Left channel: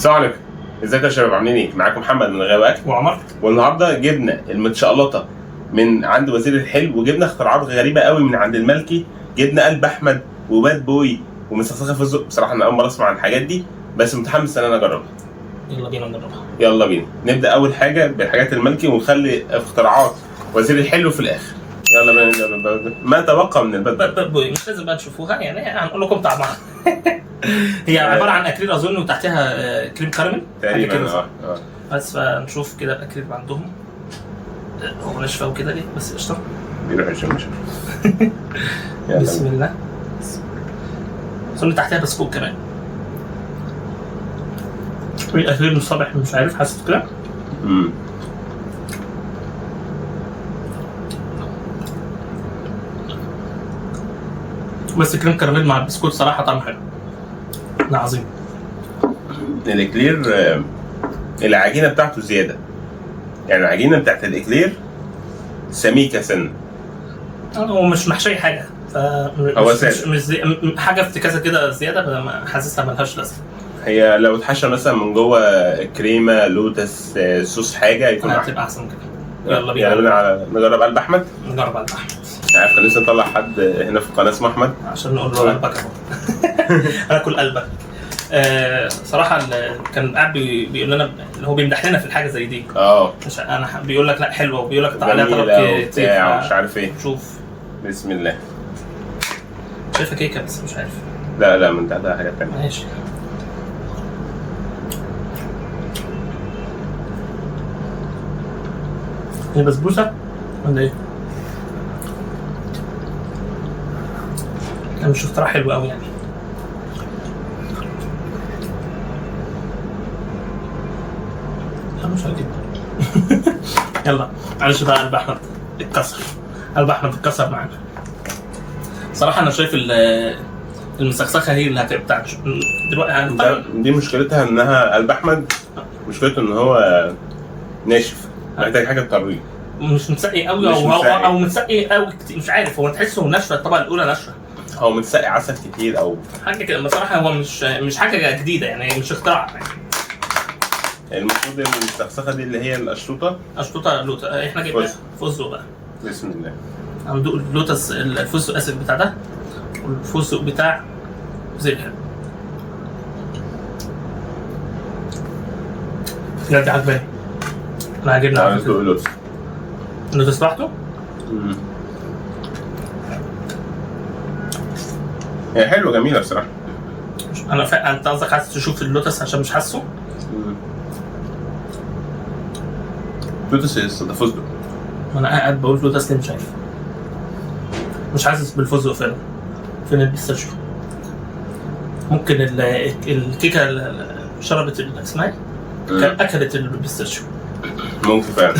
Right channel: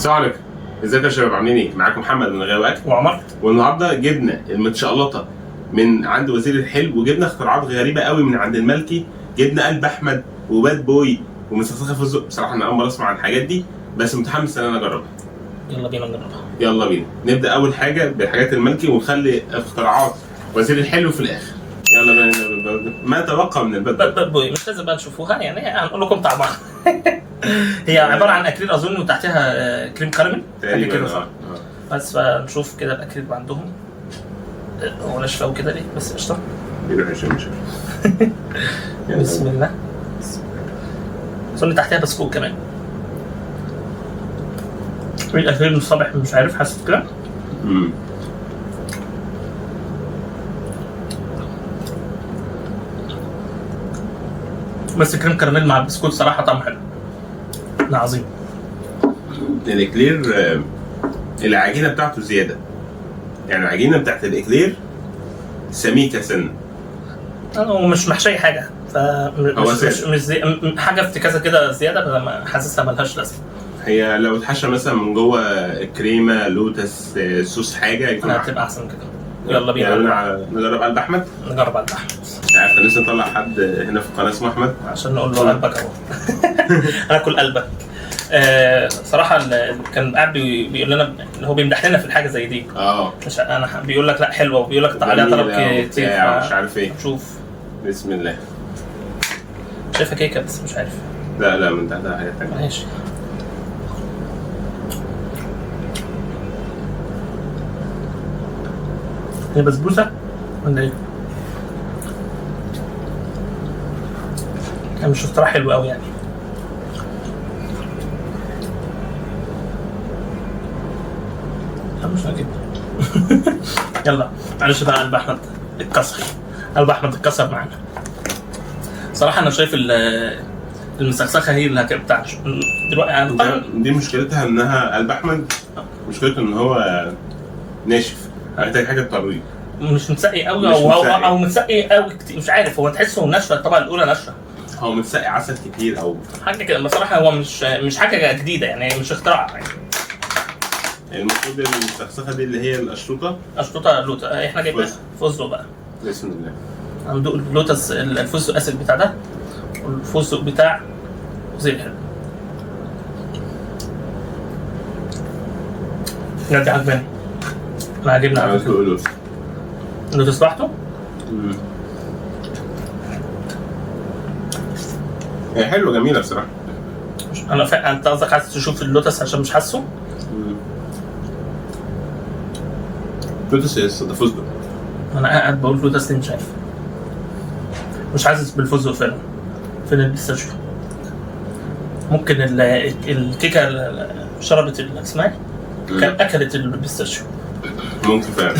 السلام عليكم، ازيكم يا شباب؟ عاملين ايه؟ معاكم محمد من غاوي اكل وعمر. والنهارده جبنا المتشقلطه من عند وزير الحلو، وجبنا اختراعات غريبه قوي من عند الملكي. جبنا قلب احمد وباد بوي ومسخسخه فستق. بصراحه انا اول مره اسمع عن الحاجات دي، بس متحمس ان انا اجربها. يلا بينا نجربها. يلا بينا نبدا اول حاجه بالحاجات الملكي ونخلي اختراعات وزير الحلو في الاخر. يلا بينا. ما تبقى من الباد بوي مش لازم بقى تشوفوها، يعني هنقول لكم طعمها. هي عباره عن اكليل اظن وتحتها كريم كراميل حاجه كده. بس فنشوف كده الاكليل عندهم هو ناشفه وكده ليه، بس قشطه. بيروح يشم. بسم الله. اظن تحتها بسكوت كمان. الاكليل مش صابح، مش عارف، حاسس كده. بس كريم كراميل مع البسكوت صراحه طعمه حلو. ده عظيم. الاكلير العجينه بتاعته زياده، يعني العجينه بتاعت الاكلير سميكه سن. هو مش محشي حاجه، هو مش زي حاجه افتكاسه كده زياده، بدل ما حاسسها ملهاش لازمه. هي لو اتحشى مثلا من جوه كريمه لوتس صوص حاجه يكون هتبقى احسن كده. يلا بينا نجرب قلب احمد. نجرب قلب احمد. عارف كان لسه نطلع حد هنا في القناه اسمه احمد عشان نقول له قلبك اهو. انا اكل قلبك. صراحه كان قاعد بيقول لنا ان هو بيمدح لنا في الحاجه زي دي. مش انا بيقول لك لا حلوه، وبيقول لك عليها طلب كتير مش عارف ايه. شوف بسم الله. شايفها كيكه بس مش عارف. لا من تحتها حاجه ثانيه. ماشي. هي بسبوسه ولا ايه؟ مش اختراع حلو قوي يعني. لا مش هجيب. يلا معلش بقى. قلب احمد اتكسر. قلب احمد اتكسر معانا. صراحه انا شايف المسخسخه هي اللي هتبقى دلوقتي. دي مشكلتها انها قلب احمد مشكلته ان هو ناشف، محتاج حاجه تطريه. مش متسقي قوي او متسقي قوي كتير، مش عارف. هو تحسه ناشفه، الطبقه الاولى ناشفه. هو متسقي عسل كتير او حاجه كده. بصراحه هو مش حاجه جديده يعني، مش اختراع يعني. المفروض المسخسخه دي اللي هي اشطوطه لوتا. احنا جايبين فستق بقى. بسم الله. هندوق اللوتس، الفستق اسد بتاع ده، والفستق بتاع زي الحلو. بجد عجباني. انا عاجبني على فكره. اللوتس لوحده. هي حلوه جميله بصراحه. انت قصدك عايز تشوف اللوتس عشان مش حاسه؟ لوتس ده فستق. انا قاعد بقول لوتس ليه مش عارف. مش حاسس بالفستق فعلا. فين البيستاشيو؟ ممكن الكيكه شربت اسمها ايه؟ كان اكلت البيستاشيو. ممكن فعلا.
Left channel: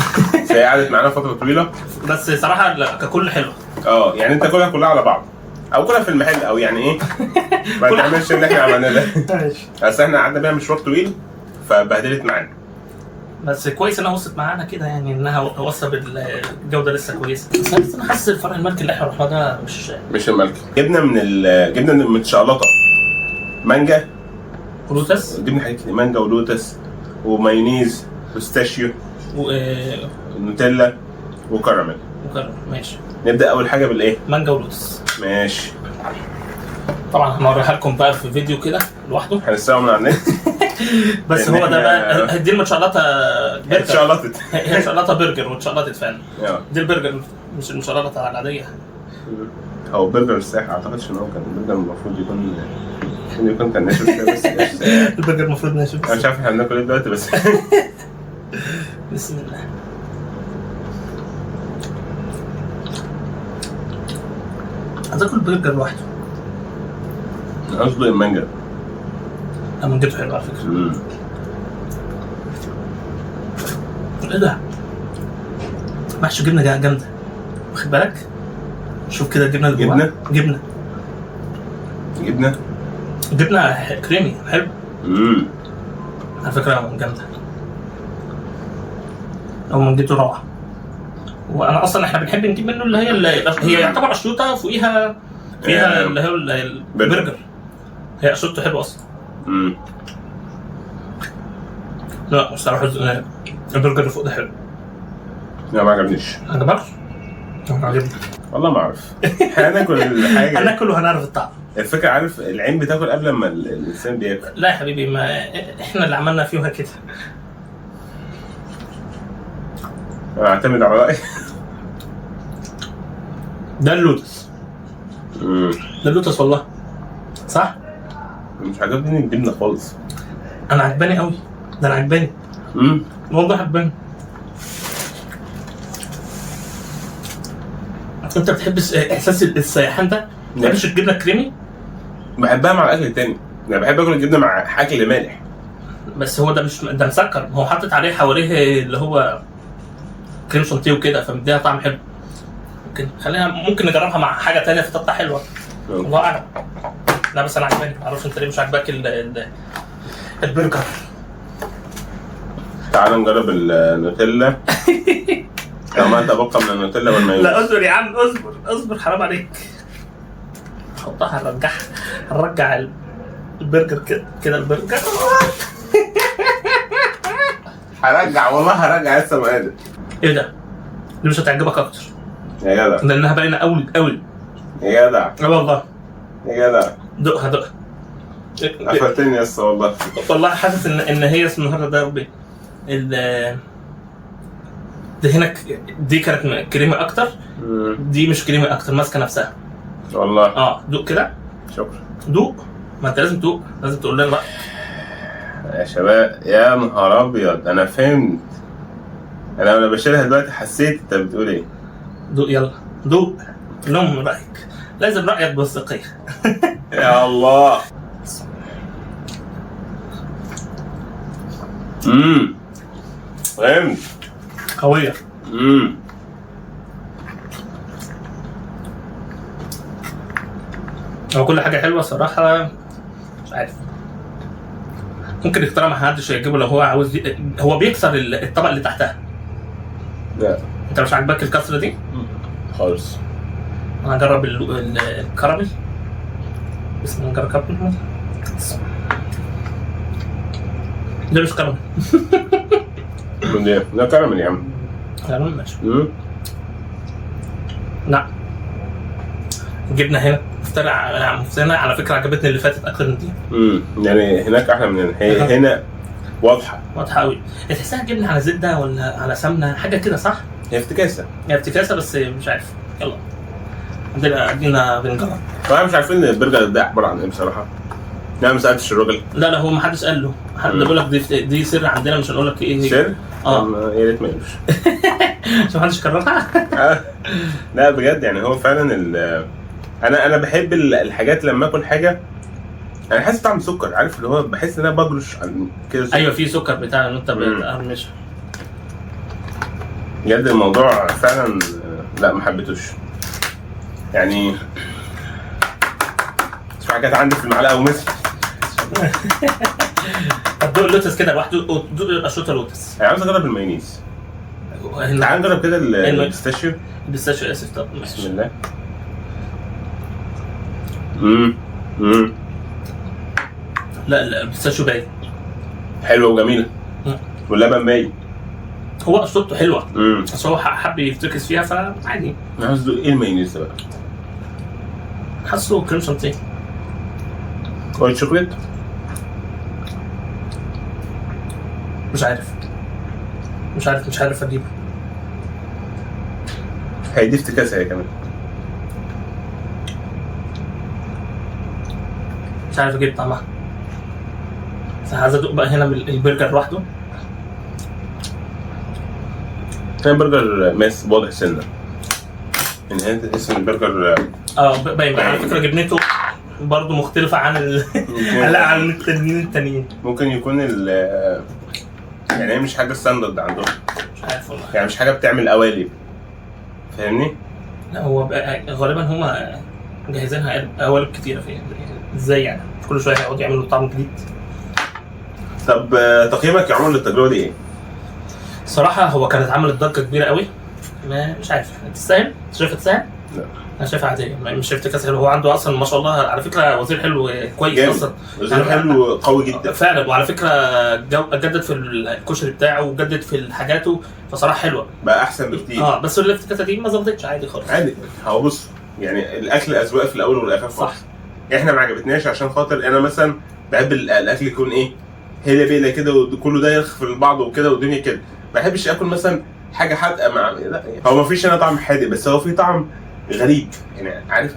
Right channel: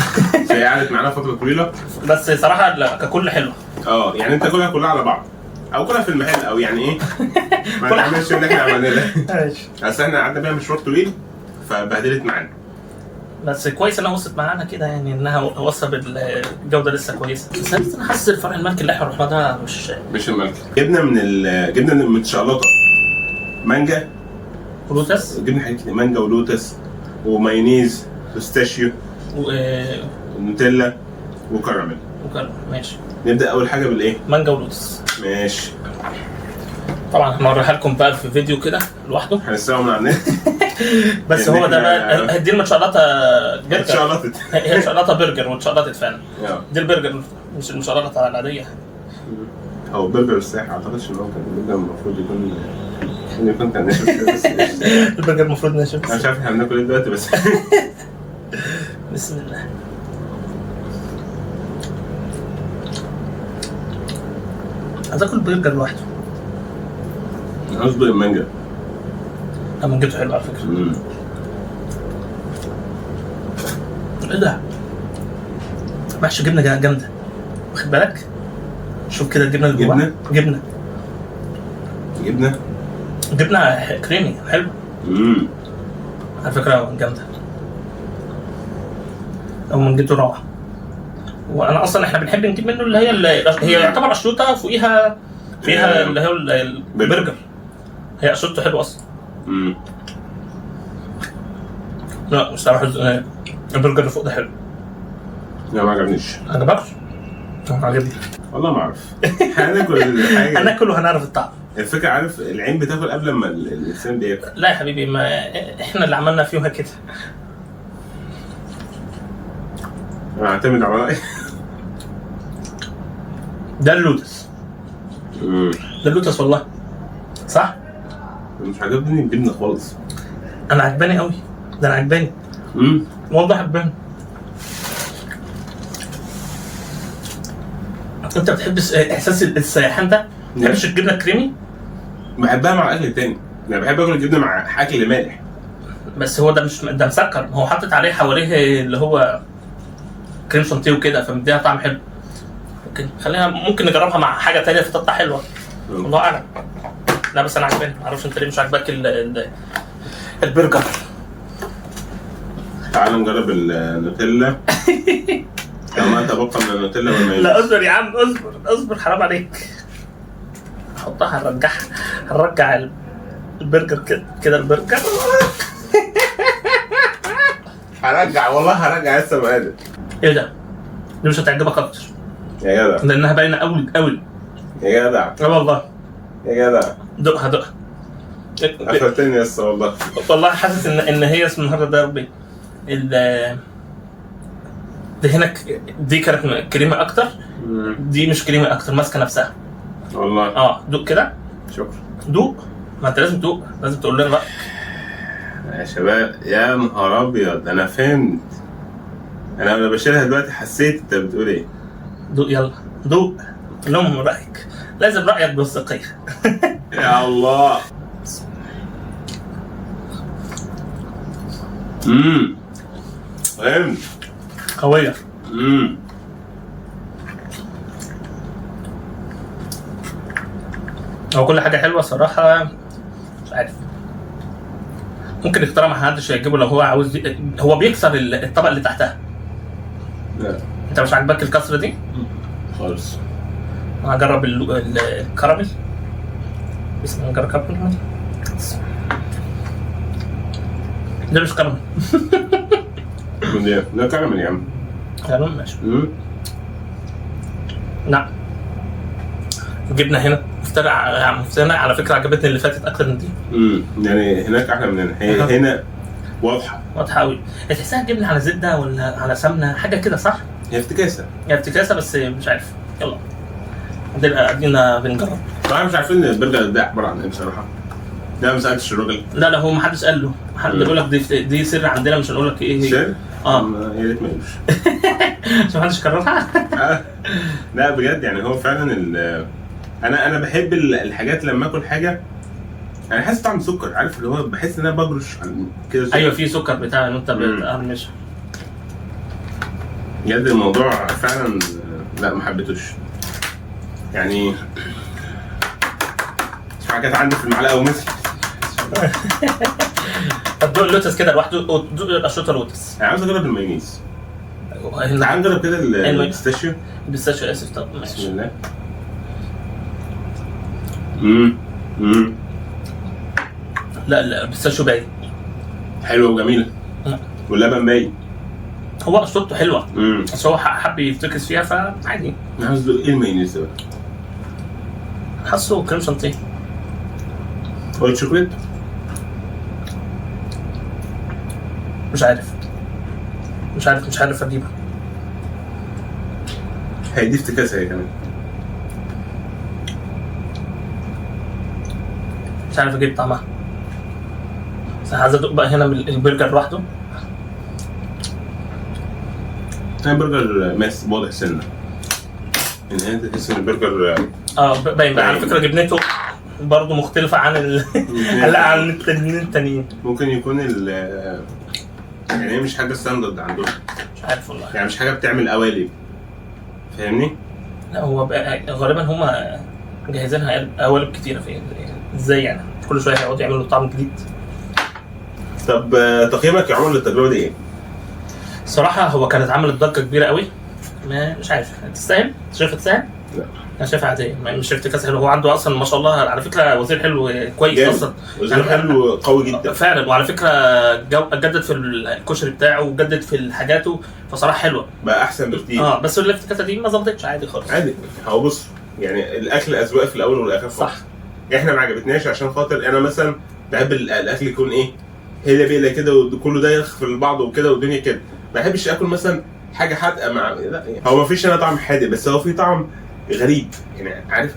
هي قعدت معانا فتره طويله، بس صراحه ككل حلوه. يعني انت كلها على بعض، او كلها في المحل، او يعني ايه. ما تعملش اللي احنا عملناه ده. ماشي. اصل احنا قعدنا بيها مشوار طويل فبهدلت معانا. بس كويس انها وصلت معانا كده، يعني انها وصلت بالجوده لسه كويسه. بس انا حاسس الفرع الملكي اللي احنا رحنا ده مش الملكي. جبنا من المتشقلطه مانجا ولوتس. جبنا حاجات كتير، مانجا ولوتس ومايونيز بيستاشيو نوتيلا وكراميل. ماشي. نبدا اول حاجه بالايه؟ مانجا ولوتس. ماشي. طبعا هنوريها لكم بقى في فيديو كده لوحده، هنسرقه من على النت. بس هو ده بقى. دي المتشقلطه برجر. اتشقلطت. هي متشقلطه برجر واتشقلطت فعلا. دي البرجر مش المتشقلطه العاديه. هو برجر الساحه، اعتقدش ان هو كان البرجر المفروض يكون كان ناشف بس. البرجر المفروض ناشف. انا مش عارف احنا بناكل ايه دلوقتي بس. بسم الله. عايز اكل برجر لوحده. عاوز بقى المانجا. مانجته حلوه على فكره. ايه ده؟ محشي جبنه جامده، واخد بالك؟ شوف كده الجبنه اللي جواها. جبنه كريمي حلو. على فكره جامده. او مانجته روعه. وانا اصلا احنا بنحب نجيب منه اللي هي يعتبر اشروطه فيها اللي هي البرجر. هي اشروطه حلوه اصلا. لا الصراحه البرجر اللي فوق ده حلو. لا ما عجبنيش. عجبك؟ عجبني والله ما اعرف. هناكل الحاجه هناكل وهنعرف الطعم. الفكره عارف العين بتاكل قبل ما الانسان بياكل. لا يا حبيبي، ما احنا اللي عملنا فيها كده. انا اعتمد على رايي. ده اللوتس. ده اللوتس والله. صح؟ مش عجبني الجبنه خالص. انا عجباني قوي. ده انا عجباني. والله عجباني. انت بتحب احساس السياحان ده؟ ما بتحبش الجبنه الكريمي؟ بحبها مع الاكل التاني. انا بحب اكل الجبنه مع اكل مالح. بس هو ده مش ده مسكر، هو حاطط عليه حواليه اللي هو كريم شانتيه وكده، فمديها طعم حلو. ممكن نجربها مع حاجه تانية فتطلع حلوه. الله اعلم. لا بس انا عجباني، معرفش انت ليه مش عاجباك البرجر. تعال نجرب النوتيلا. كمان انت بقى من النوتيلا والمايونيز. لا اصبر يا عم، اصبر حرام عليك. حطها، هنرجع البرجر كده البرجر. هرجع والله هرجع لسه ما قادر. ايه ده؟ دي مش هتعجبك اكتر يا جدع، لانها باينه قوي. يا جدع، اه والله. يا جدع دقها. قفلتني لسه والله. والله حاسس ان هي اسم النهارده ده ربي دي هنا دي كانت كريمه اكتر. دي مش كريمه اكتر، ماسكه نفسها والله. دوق كده. شكرا. دوق، ما انت لازم تدوق، لازم تقول لنا بقى يا شباب. يا نهار ابيض، انا فهمت. انا وانا بشيلها دلوقتي حسيت انت بتقول ايه. دوق يلا دوق، لهم رايك، لازم رايك بالثقيه. يا الله. فهمت. قويه. هو كل حاجه حلوه صراحه. مش عارف، ممكن يختار ما حدش يجيبه لو هو عاوز. هو بيكسر الطبق اللي تحتها. لا انت مش عاجباك الكسره دي خالص. انا هجرب الكراميل. بسم الله، نجرب كراميل. ده مش كراميل. ده كراميل يا عم. كراميل ماشي. لا جبنا هنا مفترع على فكره، عجبتني اللي فاتت اكتر من دي. يعني هناك احلى من هنا. هنا واضحه قوي. تحسها جبنه على زبده ولا على سمنه، حاجه كده صح؟ هي افتكاسه. بس مش عارف. يلا ادينا بنجرب. طبعا مش عارفين البرجر ده عباره عن ايه بصراحه. لا ما سالتش الراجل. لا هو ما حدش قال له. حد بيقول لك دي سر عندنا، مش هنقول لك ايه هي. سر؟ يا ريت ما يقولش. عشان ما حدش كررها. لا بجد يعني هو فعلا انا بحب الحاجات لما اكل حاجه انا حاسس طعم سكر، عارف اللي هو بحس ان انا بجرش كده. ايوه في سكر بتاع ان انت بتقرمشها. بجد الموضوع فعلا لا ما حبيتوش يعني. في حاجات عندي في المعلقه ومثل. طب دوق اللوتس كده لوحده، دوق الاشرطه لوتس. انا عاوز اجرب المايونيز. تعال نجرب كده البيستاشيو. البيستاشيو اسف. طب ماشي. بسم الله. لا البيستاشيو باين حلوه وجميله. واللبن باين. هو اشرطته حلوه. بس هو حب يفتكس فيها فعادي. انا عاوز ادوق ايه المايونيز ده بقى. حاسه كريم شانتيه. وايت شوكليت. مش عارف اجيبه. هي دي افتكاسه هي كمان. مش عارف اجيب طعمها. بس عايز ادوق بقى هنا من البرجر لوحده. كان برجر ماس واضح سنه. ان هي تحس ان البرجر باين بقى على فكره جبنته برضه مختلفه عن عن التانيين. ممكن يكون يعني هي مش حاجه ستاندرد عندهم. مش عارف والله. يعني مش حاجه بتعمل قوالب، فاهمني؟ لا هو غالبا هما مجهزينها قوالب كتيره فيها. ازاي يعني كل شويه هيقعدوا يعملوا طعم جديد. طب تقييمك يا عمر للتجربه دي ايه؟ صراحه هو كانت عملت ضجه كبيره قوي. مش عارف تستاهل؟ شايفها تستاهل؟ لا انا شايفها عاديه، مش افتكاس حلو. هو عنده اصلا ما شاء الله على فكره وزير حلو كويس جامد. اصلا وزير حلو قوي جدا فعلا. وعلى فكره جدد في الكشري بتاعه وجدد في حاجاته، فصراحه حلوه بقى احسن بكتير. بس الافتكاسه دي ما ظبطتش، عادي خالص. عادي. هو بص يعني الاكل اذواق في الاول والاخر خالص. صح. احنا ما عجبتناش عشان خاطر انا مثلا بحب الاكل يكون ايه هي بيلا كده وكله دايخ في بعض وكده والدنيا كده. ما بحبش اكل مثلا حاجه حادقه مع لا هو ما فيش هنا طعم حادق، بس هو في طعم غريب يعني، عارف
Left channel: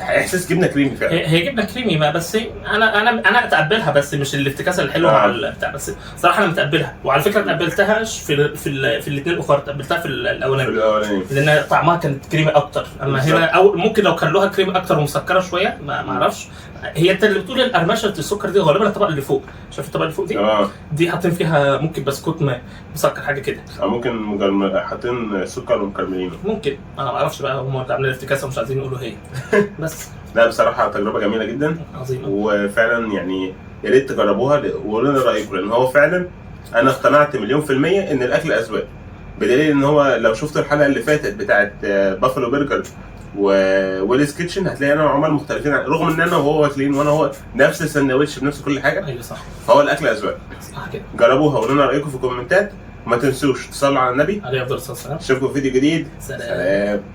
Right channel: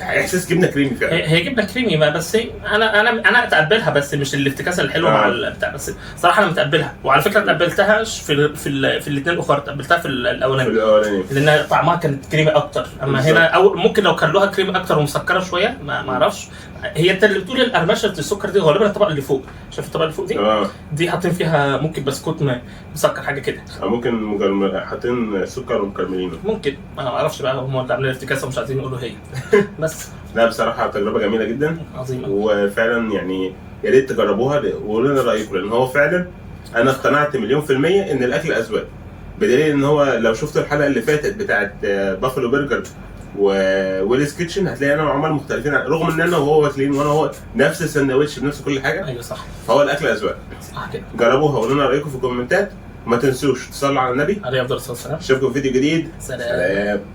احساس جبنه كريمي فعلا. هي جبنه كريمي ما، بس انا اتقبلها، بس مش الافتكاسه الحلوه مع البتاع. بس صراحه انا متقبلها، وعلى فكره ما تقبلتهاش في الاثنين الاخر، تقبلتها في الاولاني لان طعمها كانت كريمي اكتر. اما بالزبط. هنا او ممكن لو كان لها كريمي اكتر ومسكره شويه ما اعرفش. هي انت اللي بتقول القرمشه السكر دي غالبا الطبقه اللي فوق، شايف الطبقه اللي فوق دي دي حاطين فيها ممكن بسكوت مسكر حاجه كده، ممكن حاطين سكر ومكرملينه، ممكن انا ما اعرفش بقى، هم اللي عاملين الافتكاسه ومش عايزين يقولوا هي بس. لا بصراحه تجربه جميله جدا عظيمه، وفعلا يعني يا ريت تجربوها وقولوا لنا رايكم، لان هو فعلا انا اقتنعت 100% ان الاكل اذواق. بدليل ان هو لو شفت الحلقه اللي فاتت بتاعت بافلو برجر وويلز كيتشن هتلاقي انا وعمر مختلفين، رغم ان انا وهو واكلين وانا هو نفس السندوتش بنفس كل حاجه. ايوه صح. فهو الاكل اذواق. صح كده. جربوها وقولوا لنا رايكم في الكومنتات، وما تنسوش تصلوا على النبي عليه افضل الصلاه والسلام. اشوفكم في فيديو جديد. سلام.